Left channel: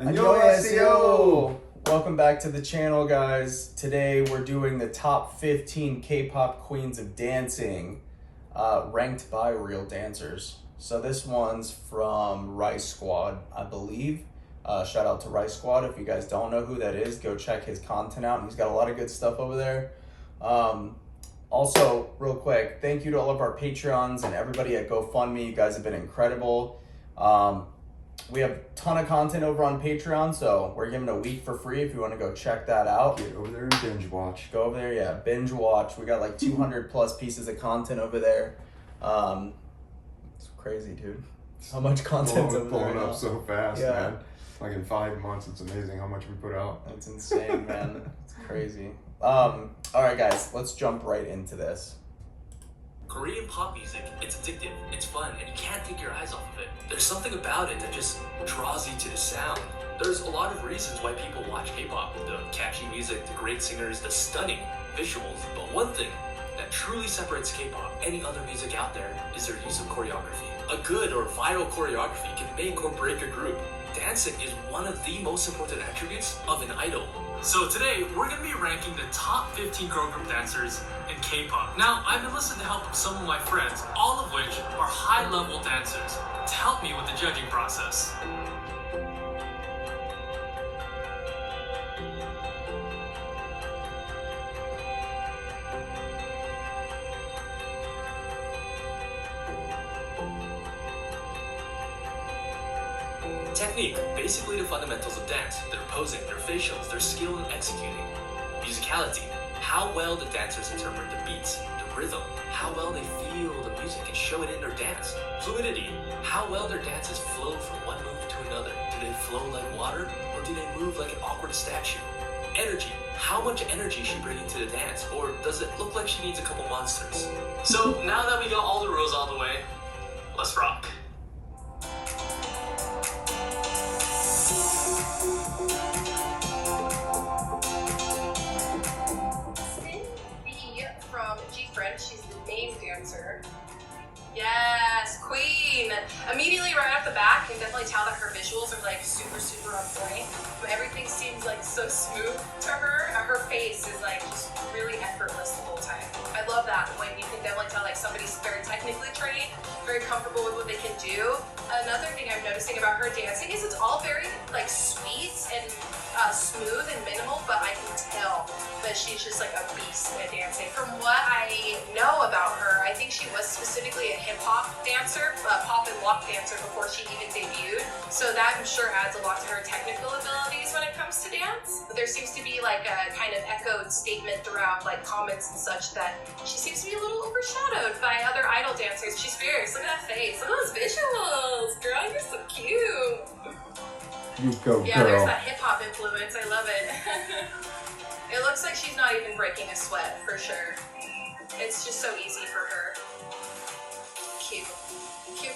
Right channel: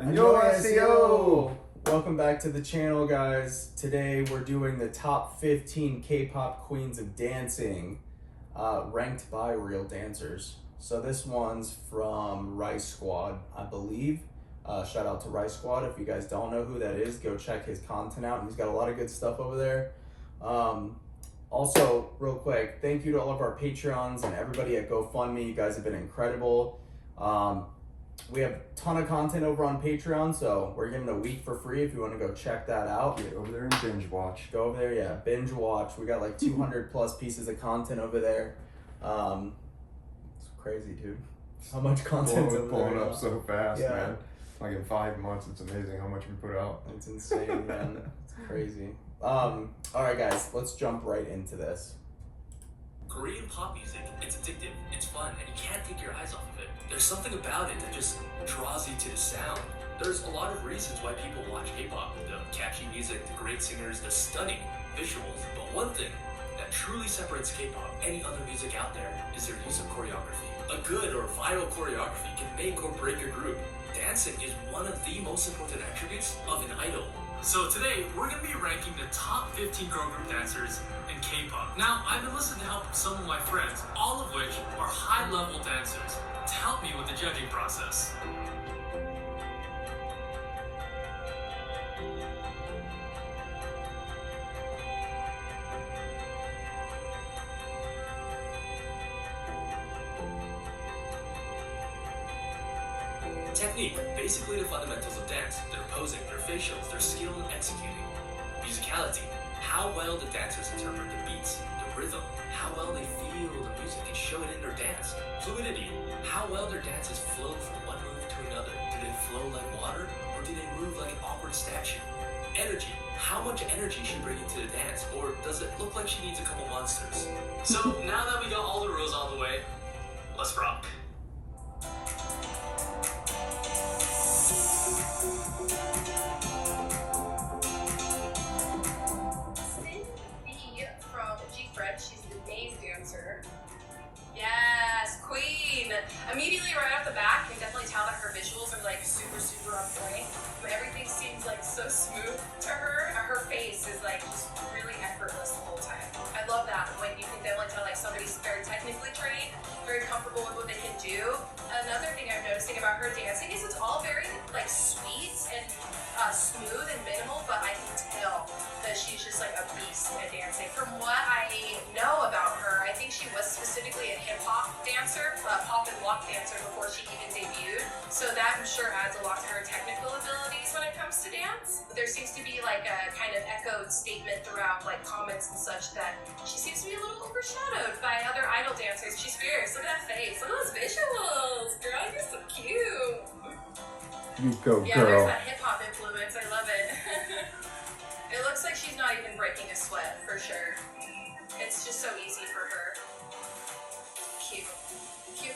Annyeonghaseyo! Welcome back to the channel, guys. Today we're doing the top 15 K-pop queens of dancing, ranked by real dancers. So this one's from Rice Squad, I believe. Shout out to Rice Squad. If you guys don't know who that is, go check his content out. He's got a lot of good stuff over there. Also, real quick, thank you to all of our Patreons and everybody at GoFundMe. You guys have been incredible. We have a ton of content over on Patreon, so we're giving a week for free if you want to go check that out. Get over there and binge watch. Go over there, yeah, binge watch. We got like 200 plus pieces of content over there. It's crazy, dude. How much content's over there? Blowing up so fast, yeah. man. Like in 5 months, it's amazing how much we put out. It's insane, man. It's crazy. All right, guys, let's jump right into this. Korean pop music, it's addictive, it's fun, and you can't take your eyes off of it. There's something about it that just draws you to the sound. There's a lot of reasons why people watch K-pop. The catchy music, the great singers, the stunning visuals. But one thing that truly separates K-pop any other music out there is their use of choreography. A good or viral choreography can make or break a group. Dancing is one of the most important attributes of an idol. So today, we're going to be ranking the top 15 girl group dancers in K-pop. Now, I've enlisted the help of some of my friends, all of which are high-level dancers, to help me with the judging process. Technique, basically the fundamentals of dance, their posing, their facials, their skill in executing. Musicality, how well the dancers interpret the beats, the rhythm, how well they feel the music and show it in their dance. Fluidity, how well their dances flow from one move to another. Do they flow like water, or do they move like an awkward statue? Energy, how much energy is she bringing to the dance, or does it look like she needs a couple monsters? So now that we got all the rules out of the way, let's rock. She's the main dancer. Yes, queen. Immediately right off the bat, you can definitely tell that her visuals are like super on point. Everything seems like so smooth to her. Her face is like just really effortless the whole time. I love that when you can definitely tell like somebody's very technically trained, very comfortable with what they can do. Another thing I'm noticing about her dancing is it's all very like sweet and smooth and minimal, but I can tell that she's just like a beast at dancing. From what I know about her, I think she was specifically a hip-hop dancer, pop and walk dancer before she even debuted. So that I'm sure adds a lot to her technical abilities when it comes to dance. There seems to be like a kind of echoed statement throughout like comments and such that she seems to be a little overshadowed by other idol dancers. She's fierce. Look at that face. Look at those visuals. Girl, you're so cute. You go, yeah, girl. There's that hip-hop influence. I love it. It looks like she's not even breaking a sweat, for sure. It's just so easy for her. Cute. Cute.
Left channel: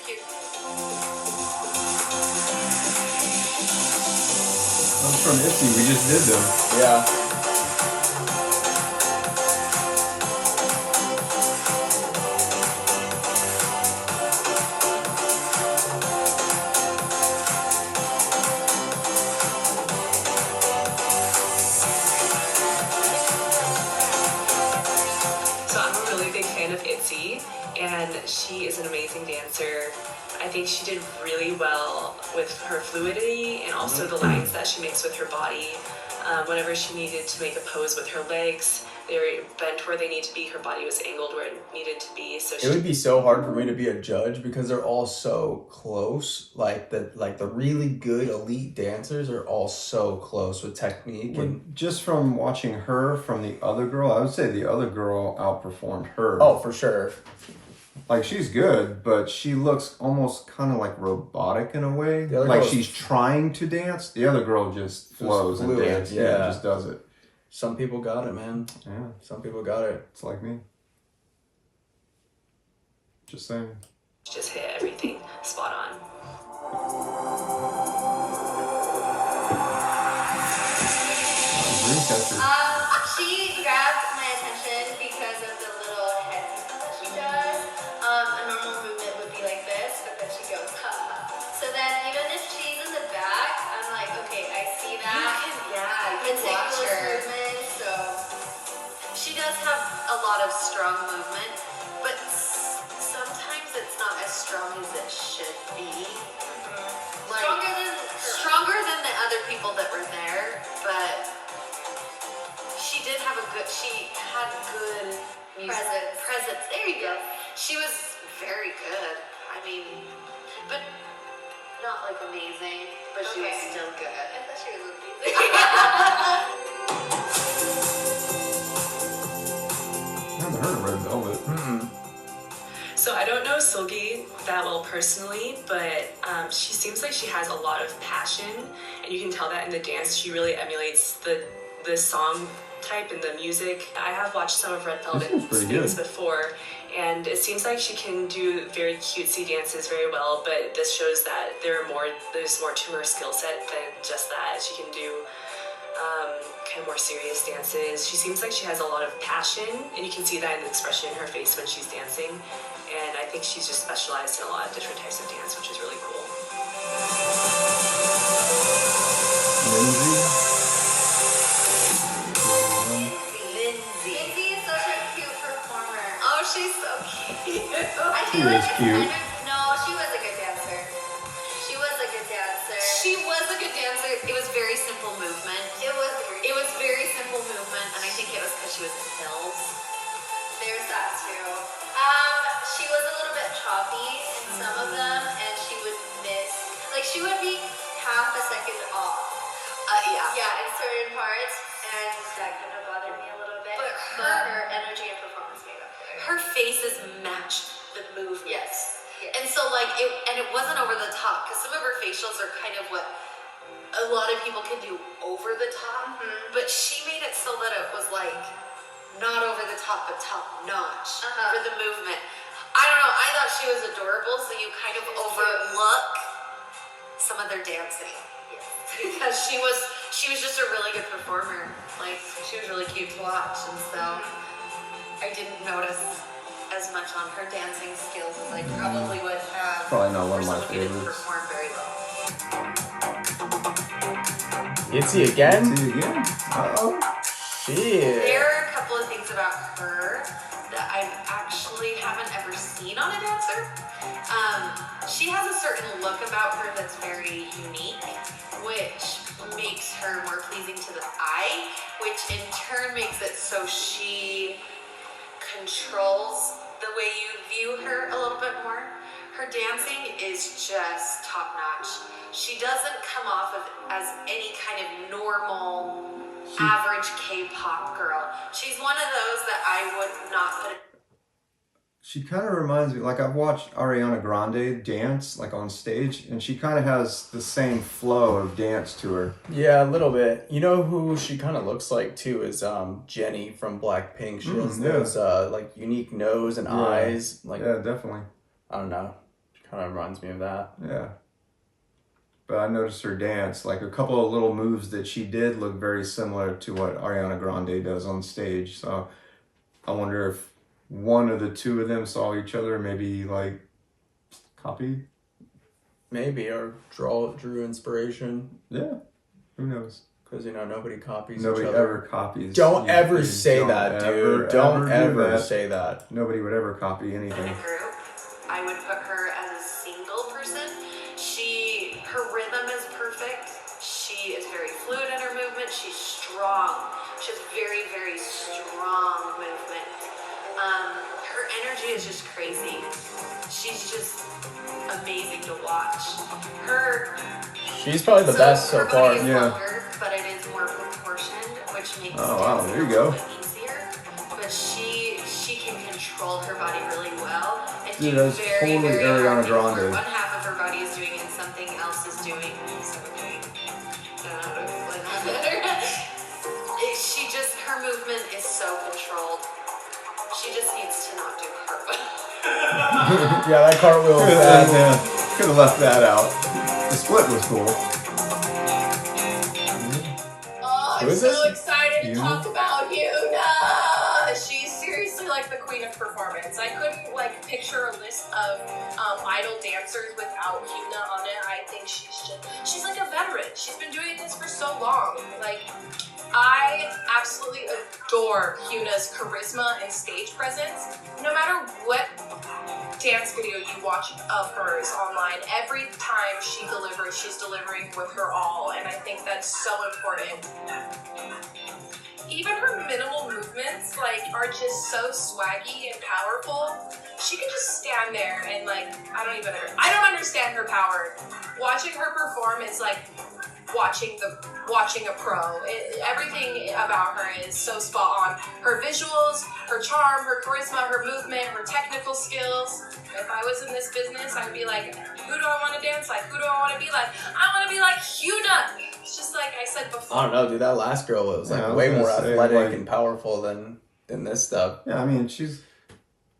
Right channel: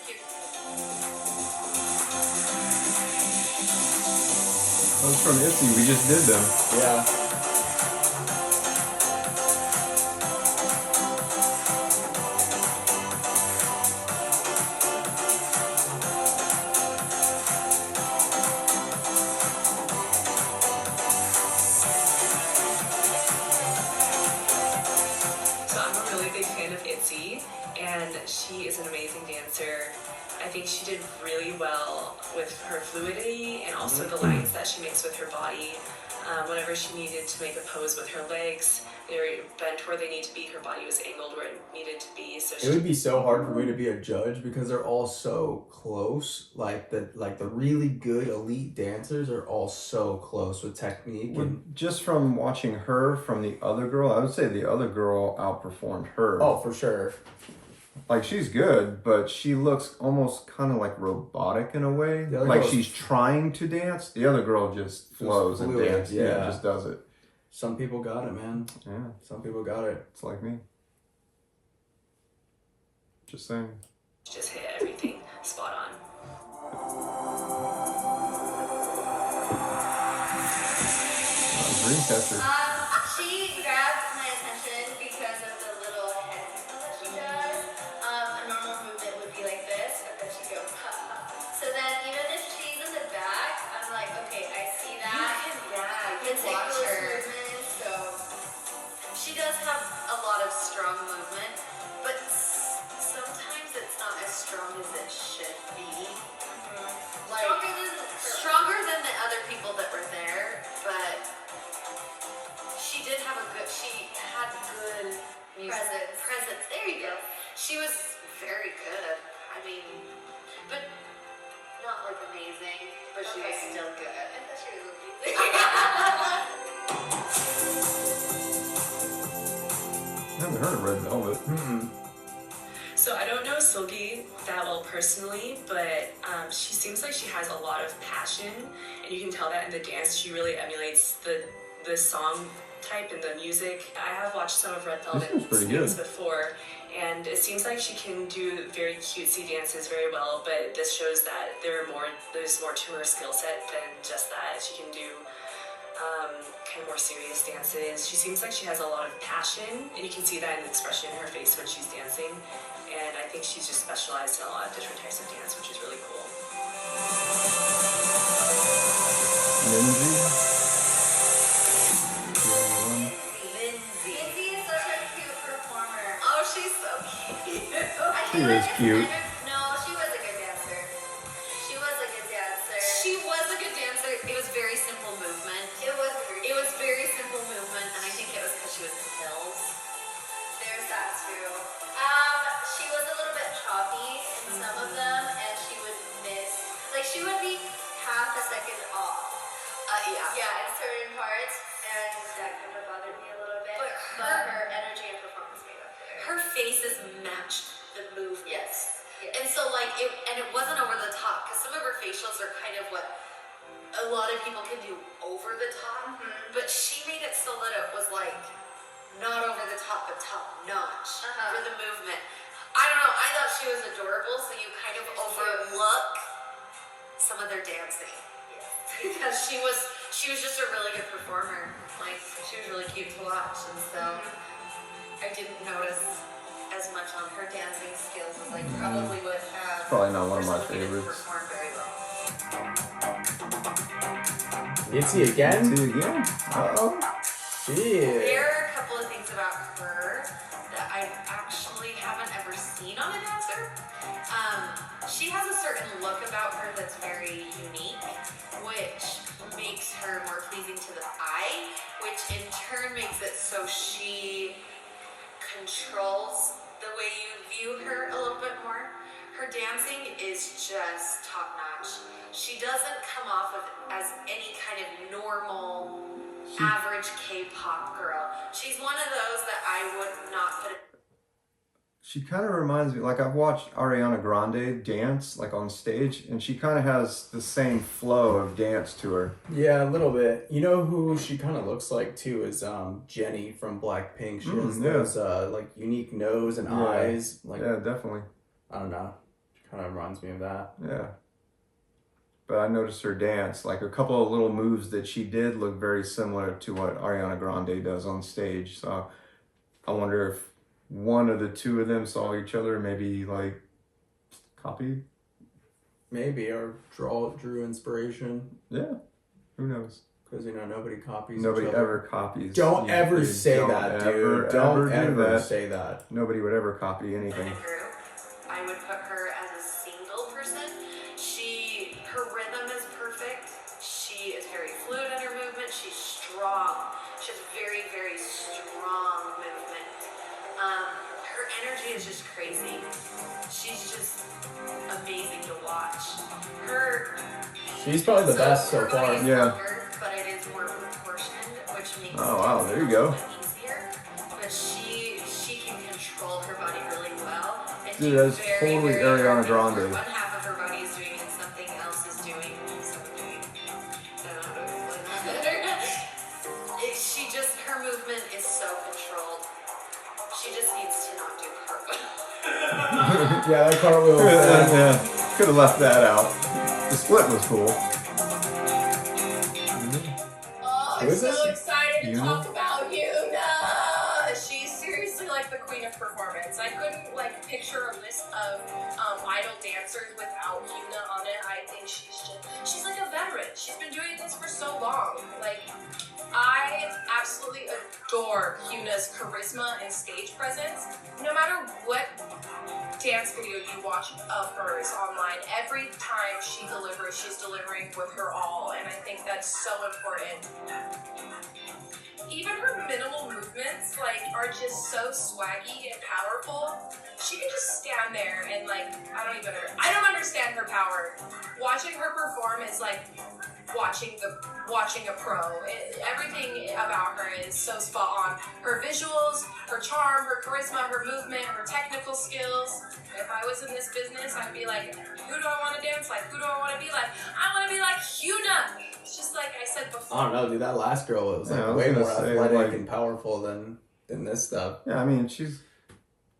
Those from ITZY, we just did them. Yeah. And she is an amazing dancer. I think she did really well with her fluidity and also the lines that she makes with her body. Whenever she needed to make a pose with her legs, they were bent where they need to be. Her body was angled where it needed to be. So it would be so hard for me to be a judge because they're all so close. Like the really good elite dancers are all so close with technique. And just from watching her from the other girl, I would say the other girl outperformed her. Oh, for sure. Like, she's good, but she looks almost kind of like robotic in a way. Like she's trying to dance. The other girl just flows and dances. Yeah, just does it. Some people got it, man. Yeah. Some people got it. It's like me. Just saying. Just hit everything spot on. Dreamcatcher. She grabbed my attention because of the little head that she does. A normal movement would be like this, but then she goes, ha. So then even if she's in the back, I'm like, okay, Presence. There you go. She was very good. I mean, but not like amazing. But she was still good. I thought she was amazing. I haven't heard of Red Velvet. So I don't know Seulgi that well personally, but she seems like she has a lot of passion, and you can tell that in the dance. She really emulates the song type and the music. I have watched some of Red Velvet's things before, and it seems like she can do very cutesy dances very well, but this shows that there's more to her skill set than just that. She can do kind of more serious dances. She seems like she has a lot of passion, and you can see that in the expression in her face when she's dancing. And I think she's just specialized in a lot of different types of dance, which is really cool. Lindsay is such a cute performer. Oh, she's so cute. She is cute. No, she was a good dancer. She was a good dancer. It was very simple movement. It was very simple movement, and I think it was because she was in hills. There's that too. She was a little bit choppy in some of them, and she would miss. Like, she would be half a second off. Yeah, in certain parts, and that kind of bothered me a little bit. But her energy and performance made up for it. Her faces matched the movement. Yes. And so, like, it wasn't over the top, because some of her facials are kind of what a lot of people can do over the top, but she made it so that it was like not over the top, but top notch for the movement. I don't know. I thought she was adorable, so you kind of overlook some of their dancing. Yes. Because she was just a really good performer. Like, she was really cute to watch, and so I didn't notice as much on her dancing skills as I probably would have. Probably not one of my favorites. Performed very well. Itzy again? Itzy again? Uh-oh. Yeah. There are a couple of things about her that I actually haven't ever seen on a dancer. She has a certain look about her that's very unique, which makes her more pleasing to the eye, which in turn makes it so she controls the way you view her a little bit more. Her dancing is just top notch. She doesn't come off of as any kind of normal, average K-pop girl. She's one of those that I would not put. She kind of reminds me, like, I've watched Ariana Grande dance, like, on stage, and she kind of has the same flow of dance to her. Yeah, a little bit. You know who she kind of looks like, too, is Jennie from Blackpink. She has those, like, unique nose and eyes. Like, yeah, definitely. I don't know. She kind of reminds me of that. Yeah. But I noticed her dance, like, a couple of little moves that she did look very similar to what Ariana Grande does on stage. So I wonder if one of the two of them saw each other, maybe, like, copy. Maybe, or drew inspiration. Yeah, who knows? Because, you know, nobody copies Nobody each other. ever copies. Don't ever say that, dude. Don't ever say that. Nobody would ever copy anything. Group, I would put her as a single person. Her rhythm is perfect. She is very fluid in her movement. She's strong. She has very, very strong movement. Her energy is just crazy. She's just amazing to watch. She's probably the best so far. Is yeah. Longer, but it is more proportioned, which makes Oh wow, there you go. easier. But she can control her body really well. And Dude, that's totally Ariana Grande. One half of her body is doing and something else is doing. Her movement is so controlled. She just needs to not do cartwheel. Yeah, that cartwheel was bad. Yeah, could have left that out. The split was cool. Oh, I'm Who is so this? excited to Yuna? talk about Yuna. She's seriously like the queen of performance. I couldn't like picture a list of idol dancers without Yuna on it. I think she's like a veteran. She's been doing this for so long. Like, I absolutely adore Hyuna's charisma and stage presence. No matter what dance video you watch of hers online, every time she delivers, she's delivering with her all, and I think that's so important. Even her minimal movements, like, are just so swaggy and powerful. She can just stand there and, like, I don't understand her power. Watching her perform is like watching a pro. Everything about her is so spot on. Her visuals, her charm, her charisma, her movement, her technical skills. If I was in this business, I'd be like, who do I want to dance like? Who do I want to be like? I want to be like Hyuna. It's just like I said before. I don't know, dude. That last girl was like way more athletic and powerful than this stuff. Yeah, I mean, she's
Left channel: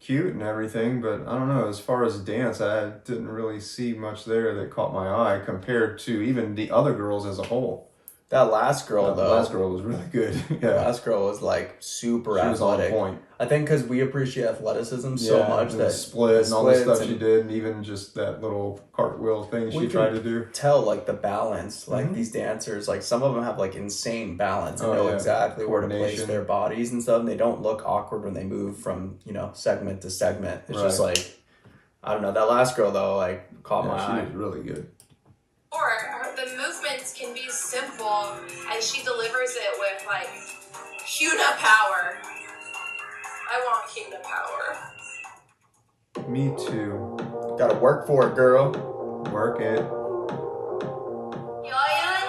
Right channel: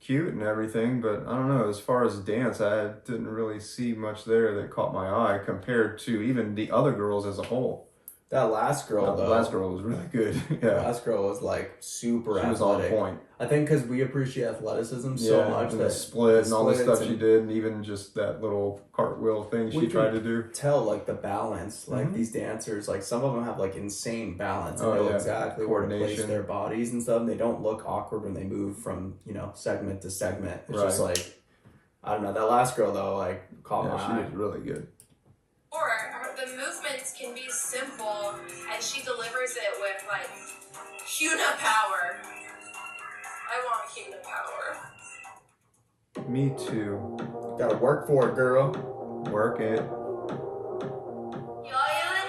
cute and everything, but I don't know. As far as dance, I didn't really see much there that caught my eye compared to even the other girls as a whole. That last girl, The last girl was really good. Yeah, the last girl was like super she athletic. was on point. I think because we appreciate athleticism so much and that the split and all the stuff and she did, and even just that little cartwheel thing she tried to do. Tell like the balance, like these dancers, like some of them have like insane balance and know exactly where to place their bodies and stuff. And they don't look awkward when they move from segment to segment. It's just like, I don't know. That last girl though, like caught my eye. She was really good. Or the movements can be simple and she delivers it with like Hyuna power. I want Hyuna power. Me too. Gotta work for it, girl. Work it. Yoyun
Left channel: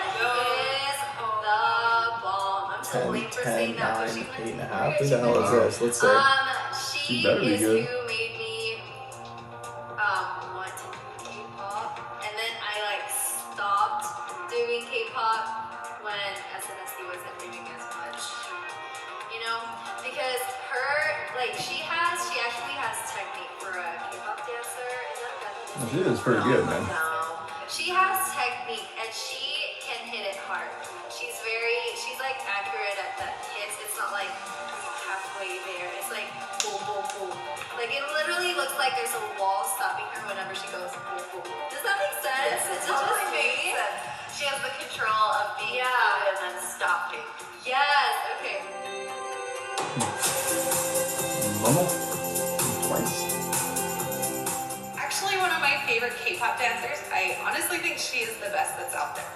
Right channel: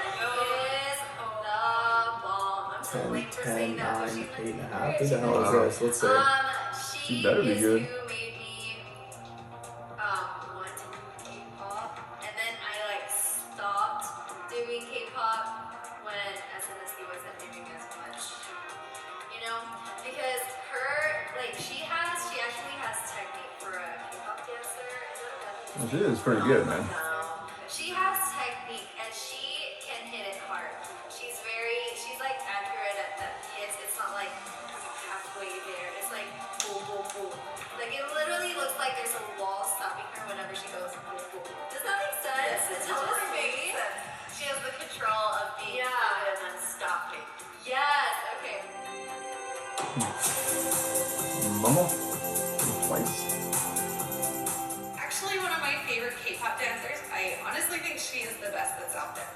is the bomb. I'm so 10, late for 10, saying that, 9, but she 8.5. Who the hell is this? Let's see. She better be is good. who made me want to do K-pop, and then I like stopped doing K-pop when SNSD wasn't doing as much, because she actually has technique for a K-pop dancer. She is pretty good, man. No, she has technique and she can hit it hard. She's like accurate at the hits. It's not like halfway there. It's like boom, boom, boom. Like it literally looks like there's a wall stopping her whenever she goes boom, boom. Does that make sense? Yes, it It's just totally me. makes sense. She has the control of being good and then stopping. Yes. Okay. Momo? Twice. Actually, one of my favorite K-pop dancers. I honestly think she is the best that's out there.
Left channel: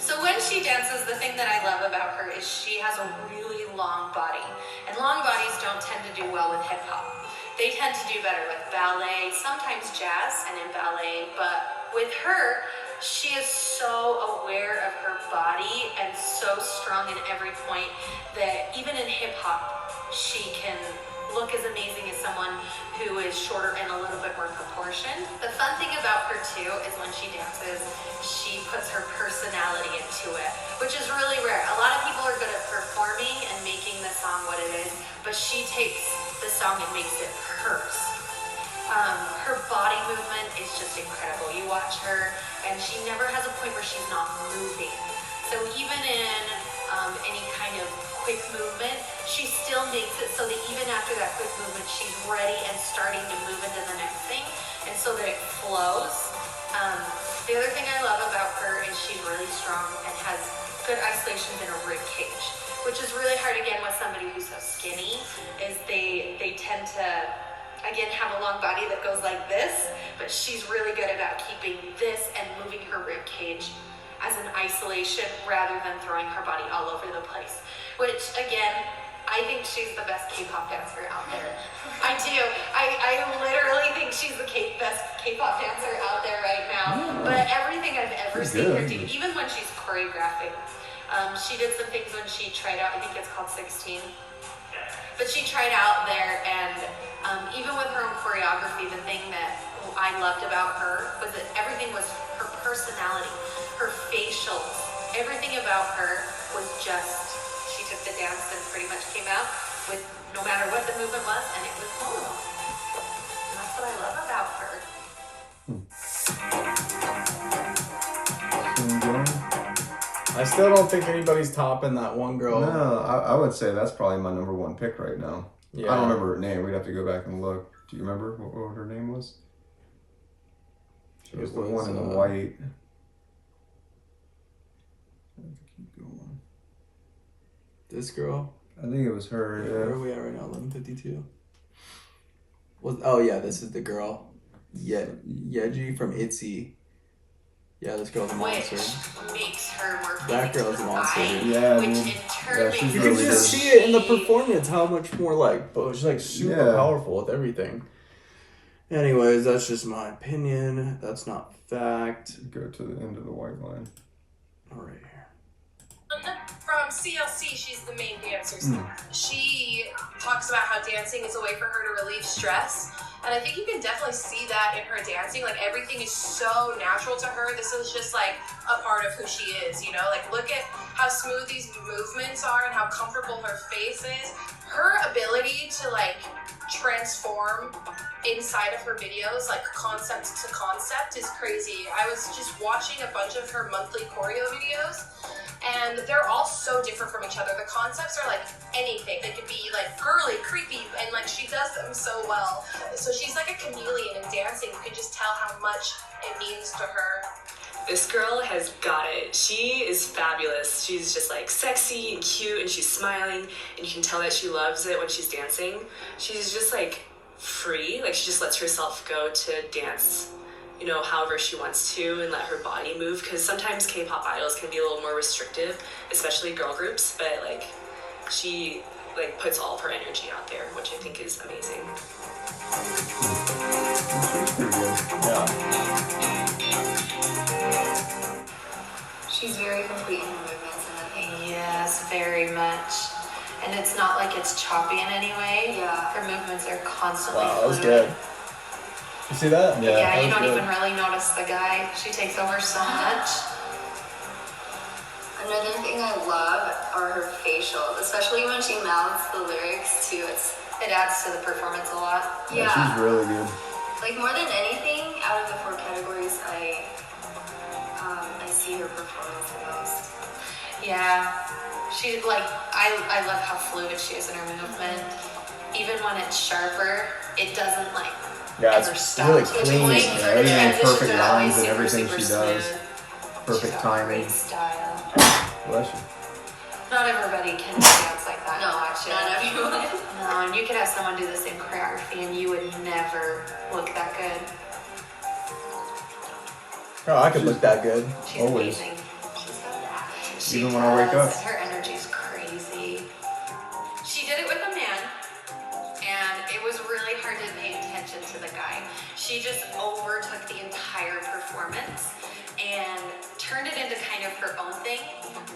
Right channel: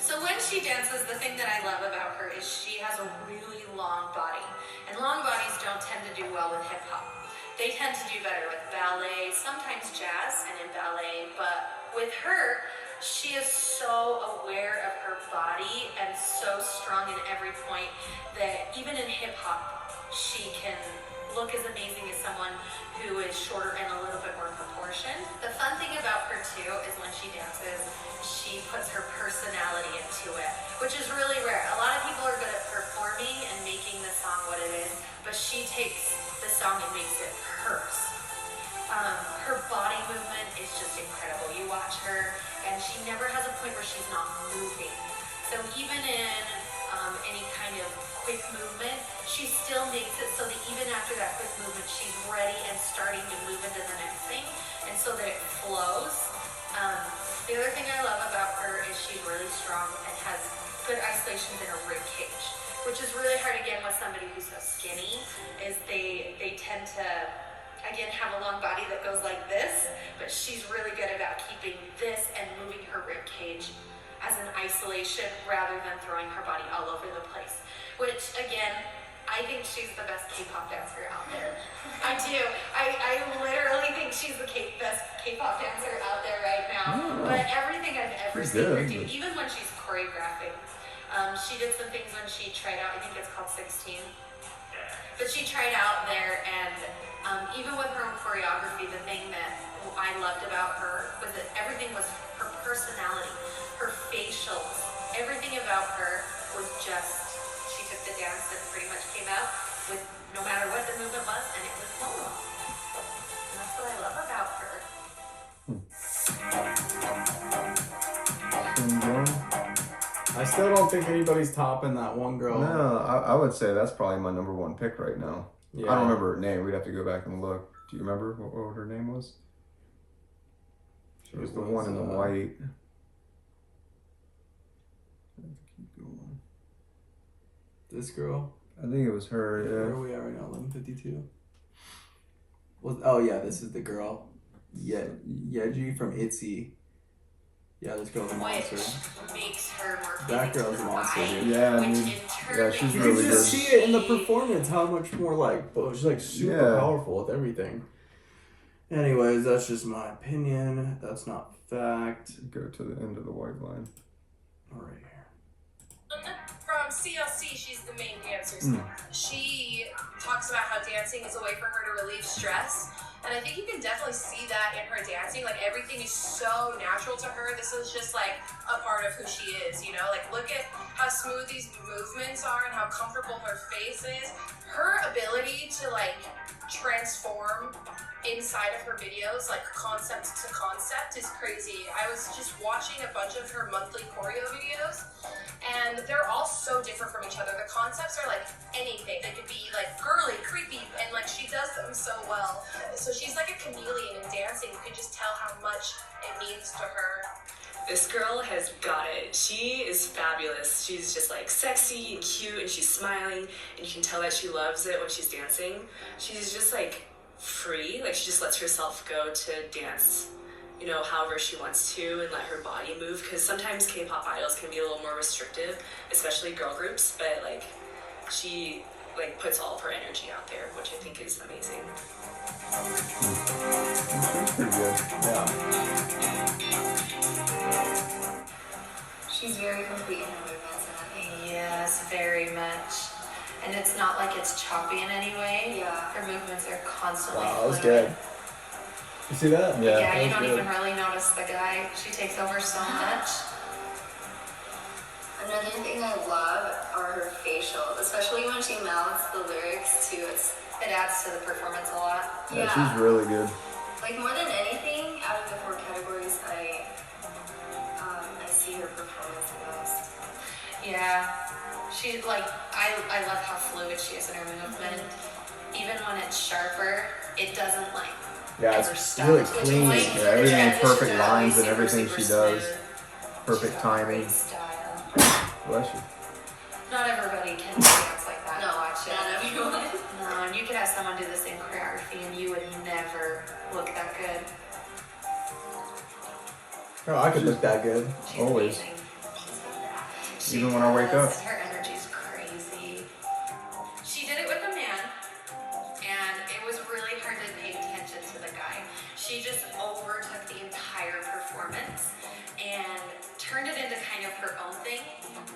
So when she dances, the thing that I love about her is she has a really long body. And long bodies don't tend to do well with hip hop. They tend to do better with ballet, sometimes jazz and in ballet, but with her, she is so aware of her body and so strong in every point that even in hip hop, she can look as amazing as someone who is shorter and a little bit more proportioned. The fun thing about her too is when she dances, she puts her personality into it, which is really rare. A lot of people are good at performing and making the song what it is, but she takes the song and makes it hers. Her body movement is just incredible. You watch her and she never has a point where she's not moving. So even in any kind of quick movement, she still makes it so that even after that quick movement, she's ready and starting to move into the next thing, and so that it flows. The other thing I love about her is she's really strong and has good isolations in her rib cage, which is really hard again with somebody who's so skinny, is they tend to again have a long body that goes like this, but she's really good about keeping this and moving her rib cage as an isolation rather than throwing her body all over the place, which again, I think she's the best K-pop dancer out there. I do. I literally think she's the best K-pop dancer out there right now. But everything I've ever seen her do, even when she's choreographing, she did some things when she tried out, I think it's called 16. But she tried out there, and even with her own choreography, the thing that I loved about her was that everything was her personality, her facials, everything about her was just, she took the dance and pretty much came out with no matter what the movement was, and it was Momo. And that's what I love about her. I still don't think anybody's topping that one girl. No, I would say that's probably my number one pick right now. Yeah. I don't remember her name. We'd have to go back and look. Do you remember what her name was? She was the one in the white. Keep going. This girl. I think it was her. Where Yeah. are we at right now? 11:52. Oh yeah, this is the girl. Yeji from ITZY. Yeah, this girl's a monster. Which makes her more That girl's a monster, dude. Yeah, which dude. in turn Yeah, makes she's You really can good. just see it in the performance how much more like, but she's like super Yeah. powerful with everything. Anyways, that's just my opinion. That's not fact. Go to the end of the white line. All right here. From CLC, she's the main dancer. She talks about how dancing is a way for her to relieve stress. And I think you can definitely see that in her dancing. Like, everything is so natural to her. This is just like a part of who she is, you know? Like, look at how smooth these movements are and how comfortable her face is. Her ability to like transform inside of her videos, like concept to concept, is crazy. I was just watching a bunch of her monthly choreo videos, and they're all so different from each other. The concepts are like anything. They could be like girly, creepy, and like she does them so well. So she's like a chameleon in dancing. You can just tell how much it means to her. This girl has got it. She is fabulous. She's just like sexy and cute, and she's smiling, and you can tell that she loves it when she's dancing. She's just like free, like she just lets herself go to dance, you know, however she wants to, and let her body move, because sometimes K-pop idols can be a little more restrictive, especially girl groups, but like she like puts all of her energy out there, which I think is amazing. She's pretty good. Yeah. She's very complete in her movements, and I think. Yes, very much. And it's not like it's choppy in any way. Yeah. Her movements are constantly Wow, that was fluid. good. You see that? Yeah. Yeah, that you was don't good. even really notice the guy. She takes over so much. Another thing I love are her facials, especially when she mouths the lyrics too. It adds to the performance a lot. Yeah, she's really good. Like, more than anything, out of the 4 categories, I see her performance the most. Yeah. She like I love how fluid she is in her movement. Even when it's sharper, it doesn't like Yeah, ever it's stop really to a clean. point. Yeah, The everything, transitions perfect are lines always and super, everything super she does. smooth. Perfect She's got timing. great style. Bless you. Not everybody can dance like that. No, Watch it. not everyone. No, and you could have someone do the same choreography and you would never look that good. Oh, I could look that good. She's Always. amazing. She's got that. Even when I wake does, up. and her energy's crazy. She did it with a man, and it was really hard to pay attention to the guy. She just overtook the entire performance and turned it into kind of her own thing.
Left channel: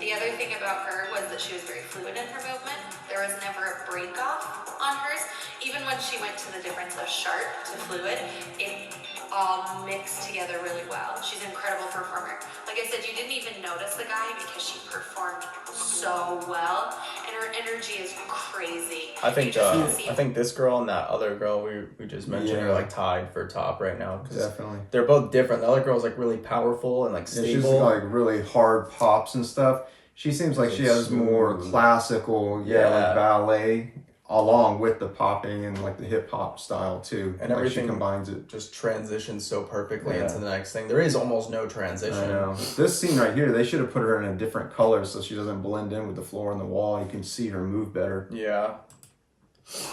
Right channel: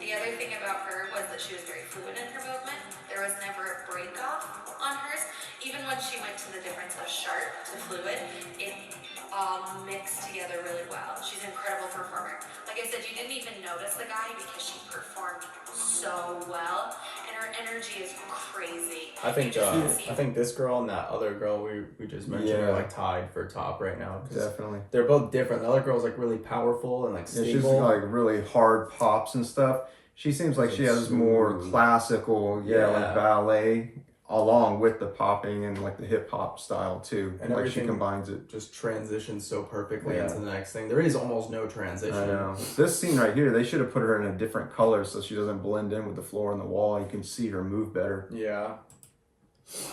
The other thing about her was that she was very fluid in her movement. There was never a break off on hers. Even when she went to the difference of sharp to fluid, it all mixed together really well. She's an incredible performer. Like I said, you didn't even notice the guy because she performed so well, and her energy is crazy. I think You just see I think this girl and that other girl we just mentioned Yeah. are like tied for top right now. 'Cause Definitely. they're both different. The other girl's like really powerful and like Yeah, stable. she's like really hard pops and stuff. She seems like she has more Smooth. classical, Yeah. like ballet, along with the popping and like the hip hop style too. And like she everything combines it. just transitions so perfectly Yeah. into the next thing. There is almost no transition. I know. This scene right here, they should have put her in a different color so she doesn't blend in with the floor and the wall. You can see her move better. Yeah.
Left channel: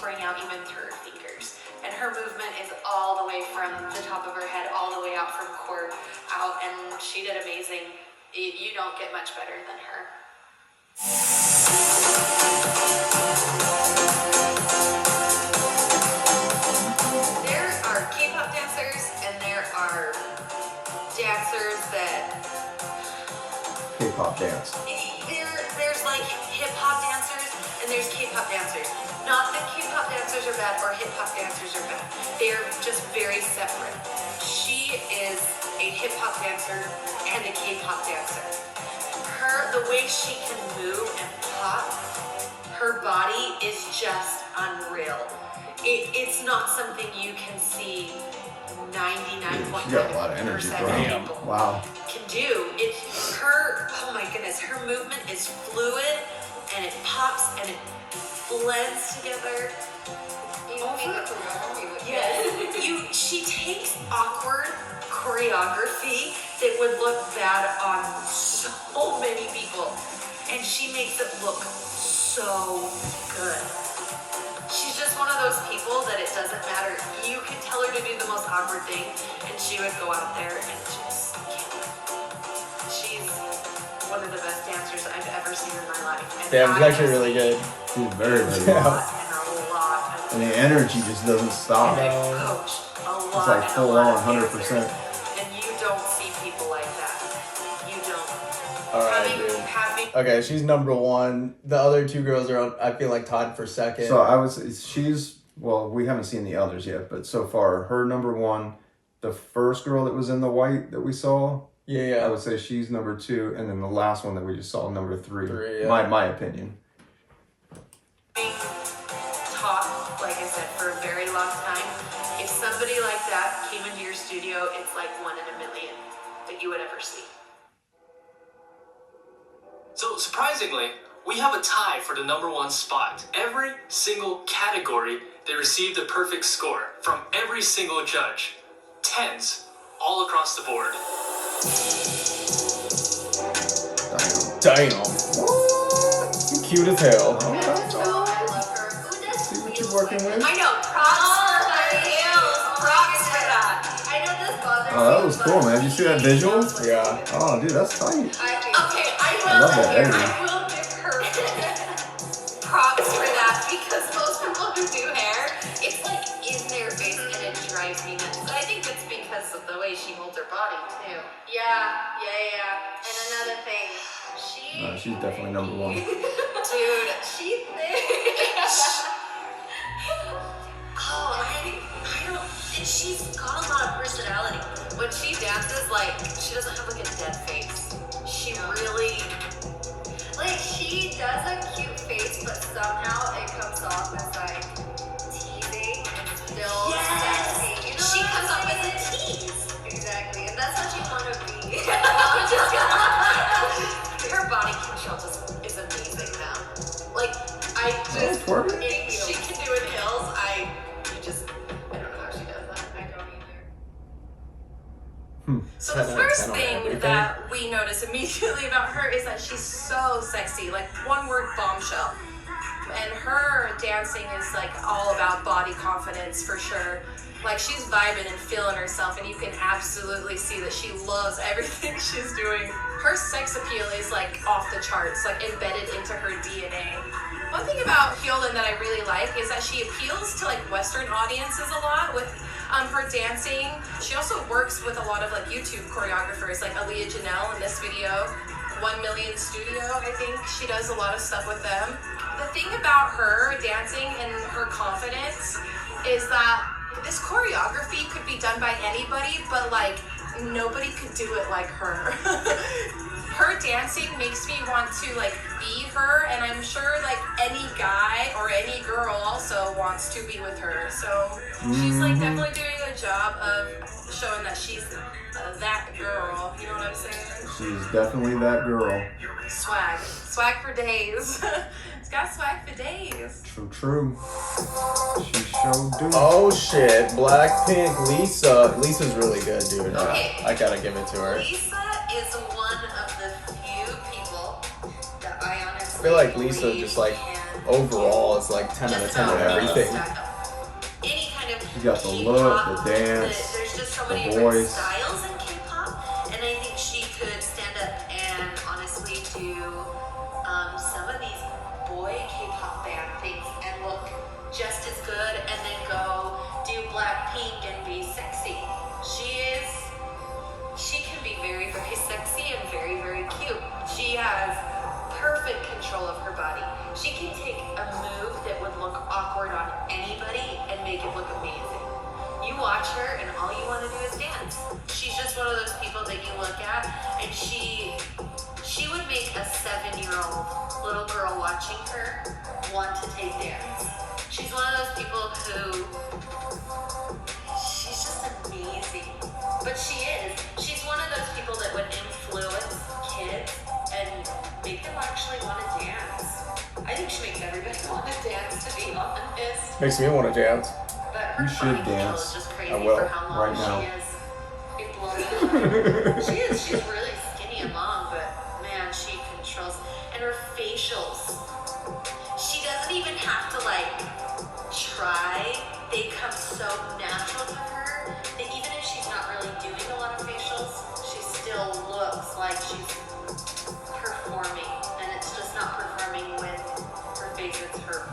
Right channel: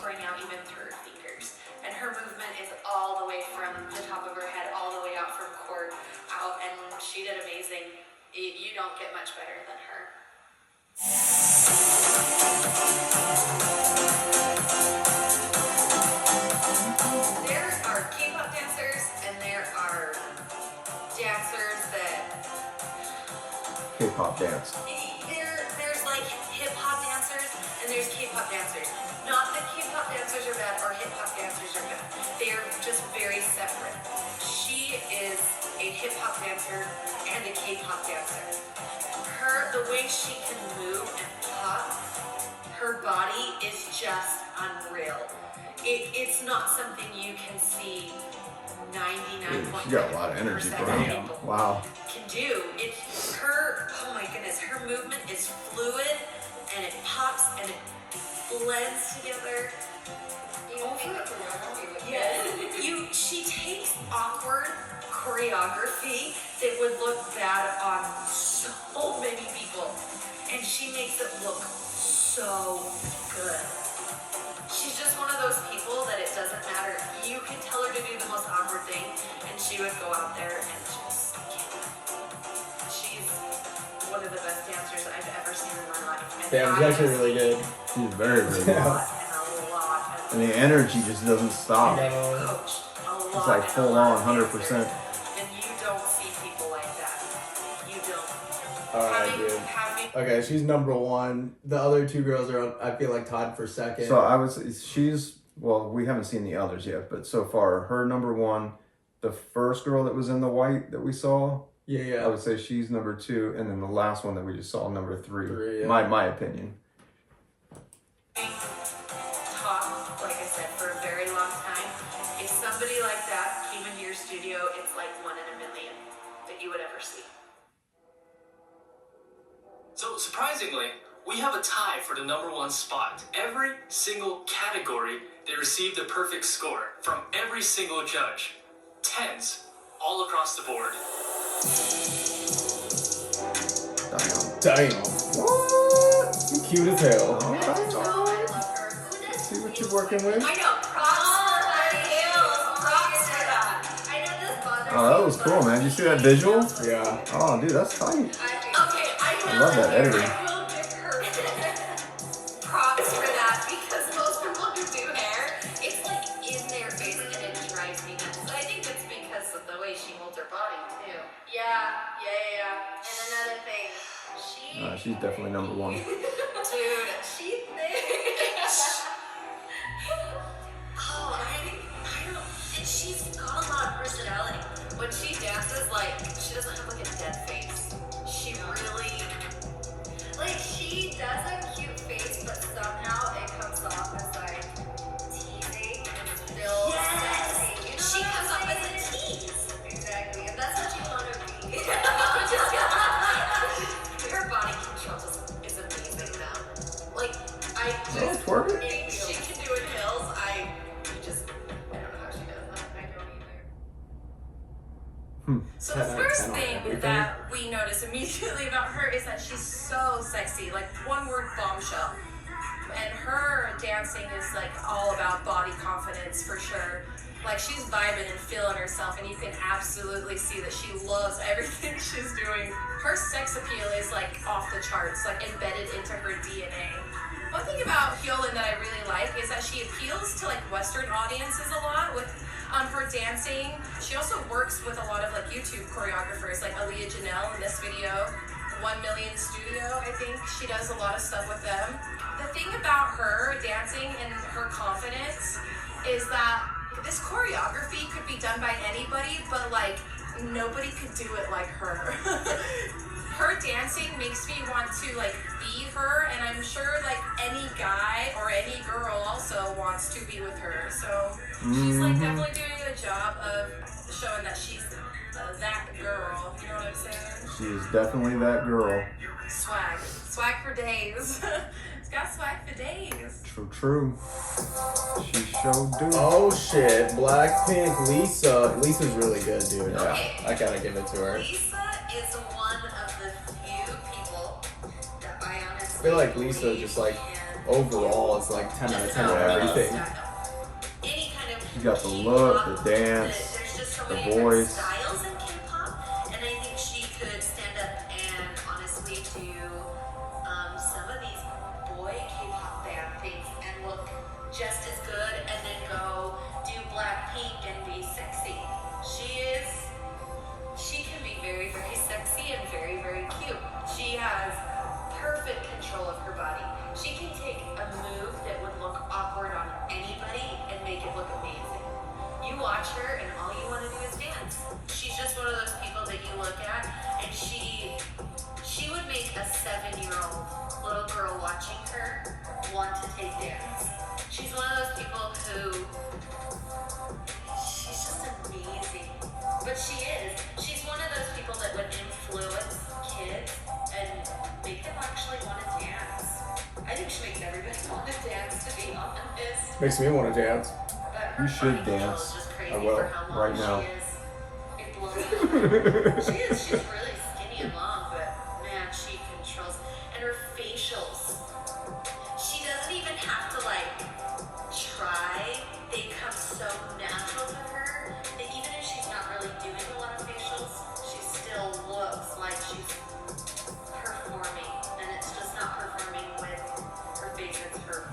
bring out even through her fingers. And her movement is all the way from the top of her head, all the way out from core out, and she did amazing. You don't get much better than her. There are K-pop dancers, and there are dancers that K-pop dance. there's like hip-hop dancers and there's K-pop dancers. Not that K-pop dancers are bad or hip-hop dancers are bad. They're just very separate. She is a hip-hop dancer and a K-pop dancer. The way she can move and pop, her body is just unreal. It's not something you can see 99.9% She got a lot of energy, bro. people Wow. can do. It's her, oh my goodness, her movement is fluid and it pops and it blends together. She takes awkward choreography that would look bad on so many people, and she makes it look so good. She's just one of those people that it doesn't matter. You can tell her to do the most awkward thing, and she would go out there and just kill it. She's one of the best dancers I've ever seen in my life. And Damn, she's actually really good. She's very, very good. And And the energy just doesn't stop. I've coached a lot. It's like full on, 100%. And you don't see people like that. You don't. Alright, dude. Okay, she's number one. The other two girls are, I feel like, tied for second. So I would say she's, well, we haven't seen the others yet, but so far, her number one, the first girl that was in the white that we saw, yeah. I would say she's number two, and then the last one that we just saw, number three. Yeah. My opinion. Being taught, like I said, for a very long time, if somebody like that came into your studio, it's like 1 in a million that you would ever see. So surprisingly, we have a tie for the number one spot. Every single category, they received a perfect score from every single judge. 10s all across the board. Damn. What? You cute as hell. I love her. See what you're working with? I know. Props for that. I know this bothers Oh, that was cool, man. Did you see that visual? Yeah. Oh, dude, that's tight. Okay, I love that editing. I will give her props for that because most people who do hair, it's like in their face and it drives me nuts. But I think it's because of the way she holds her body too. Yeah. And another thing, She's definitely number one. dude, she's there. I don't, and she's got a lot of personality. When she dances, like, she doesn't have like a dead face. She really, like, she does a cute face, but somehow it comes off as like teasing and still sexy. You know she comes off as a tease. Exactly, and that's what you want to be. Her body control is amazing now. Like, I just, if she can do it in heels, I don't know how she does that. I don't either. So the first thing that we notice immediately about her is that she's so sexy, like one word, bombshell. And her dancing is like all about body confidence for sure. Like she's vibing and feeling herself, and you can absolutely see that she loves everything she's doing. Her sex appeal is like off the charts, like embedded into her DNA. One thing about Hyolan that I really like is that she appeals to like Western audiences a lot with her dancing. She also works with a lot of like YouTube choreographers, like Aaliyah Janelle in this video, 1 Million Studio, I think she does a lot of stuff with them. The thing about her dancing and her confidence is that this choreography could be done by anybody, but like nobody could do it like her. Her dancing makes me want to like be her, and I'm sure like any guy or any girl also wants to be with her. So she's like definitely doing a good job of showing that she's that girl. You know what I'm saying? She's definitely that girl. Swag for days. It's got swag for days. True. She sure do. Oh shit, Blackpink, Lisa. Lisa's really good, dude. Okay. I gotta give it to her. Lisa is one of the few people that I honestly I feel like Lisa believe just like can overall is like 10 out of 10 at everything. stack up. Any kind of She got the K-pop, look, the dance, there's just so the many different voice. styles in K-pop, and I think she could stand up and honestly do some of these boy K-pop band things and look just as good, and then go do Blackpink and be sexy. She can be very, very sexy and very, very cute. She has perfect control of her body. She can take a move that would look awkward on anybody and make it look amazing. You watch her and all you want to do is dance. She's just one of those people that you look at and she would make a 7-year-old little girl watching her want to take dance. She's one of those people who, she's just amazing. But she is. She's one of those people that would influence kids and make them actually want to dance. I think she makes everybody want to dance, to be honest. Makes me want to dance. But her You should body control dance. is just crazy I will, for how long right now. she is. It blows my mind. She's really skinny and long, but man, she controls. And her facials.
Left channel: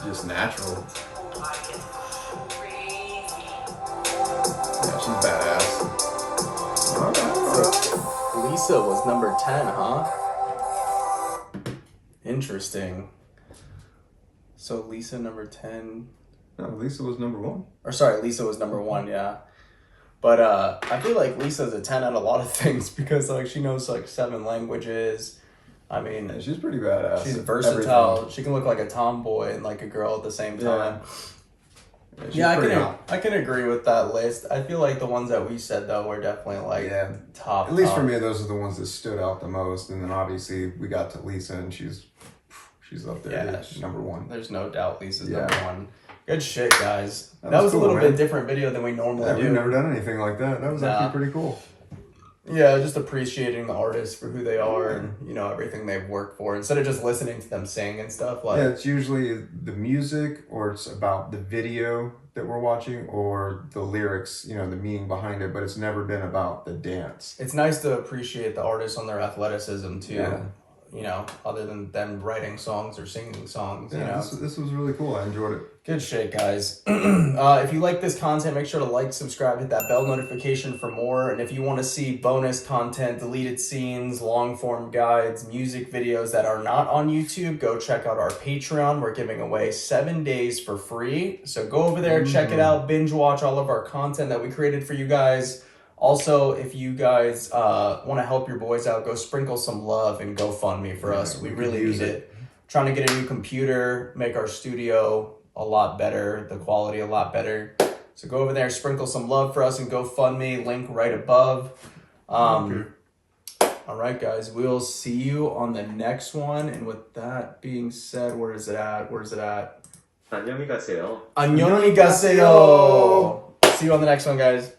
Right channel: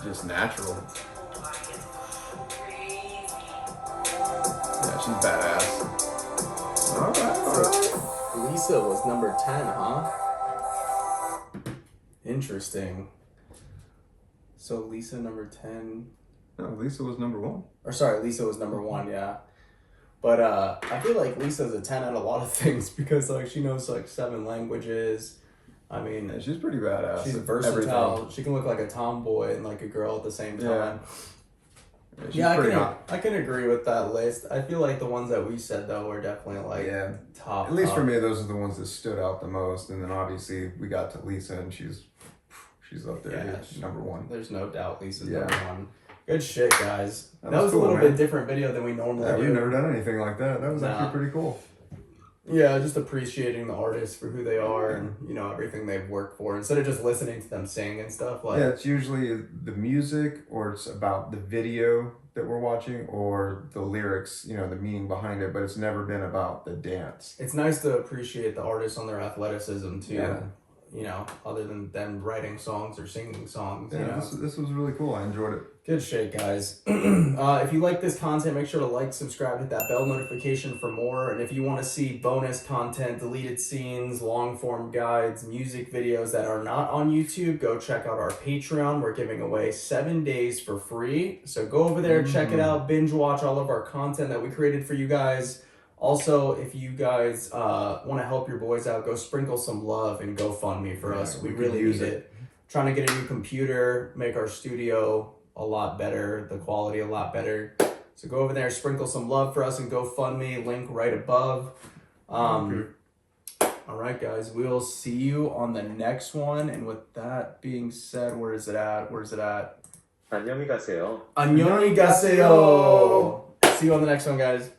just natural. Her body is crazy. Yeah, she's badass. So Lisa was number 10, huh? Interesting. So Lisa number 10. No, Lisa was number 1. Or sorry, Lisa was number 1, yeah. But I feel like Lisa's a 10 at a lot of things because like she knows like 7 languages. I mean, Yeah, she's pretty badass. she's at versatile. everything. She can look like a tomboy and like a girl at the same time. She's Yeah, pretty hot. I can agree with that list. I feel like the ones that we said though were definitely like Yeah. top. At least top. for me, those are the ones that stood out the most. And then obviously we got to Lisa, and she's up there, Yeah, dude. Number 1. There's no doubt Lisa's Yeah. number 1. Good shit, guys. That was was cool, a little man. bit different video than we normally Yeah, do. we've never done anything like that. That was Nah. actually pretty cool. Yeah, just appreciating the artists for who they are and you know everything they've worked for instead of just listening to them sing and stuff. Like, Yeah, it's usually the music, or it's about the video that we're watching, or the lyrics, you know, the meaning behind it, but it's never been about the dance. it's nice to appreciate the artists on their athleticism too. Yeah. You know, other than them writing songs or singing songs. You Yeah, know, this was really cool. I enjoyed it. good shit, guys. If you like this content, make sure to like, subscribe, hit that bell notification for more. And if you want to see bonus content, deleted scenes, long form guides, music videos that are not on YouTube, go check out our Patreon. We're giving away 7 days for free. So go over there, check it out, binge watch all of our content that we created for you guys. Also, if you guys want to help your boys out, go sprinkle some love and GoFundMe for us. We could really use need it. Trying to get a new computer, make our studio a lot better, the quality a lot better. So go over there, sprinkle some love for us and GoFundMe, link right above. All right, guys, we'll see you on the next one. And with that being said, where is it at? 안녕히 가세요. 안녕히 가세요. See you on the next one, guys.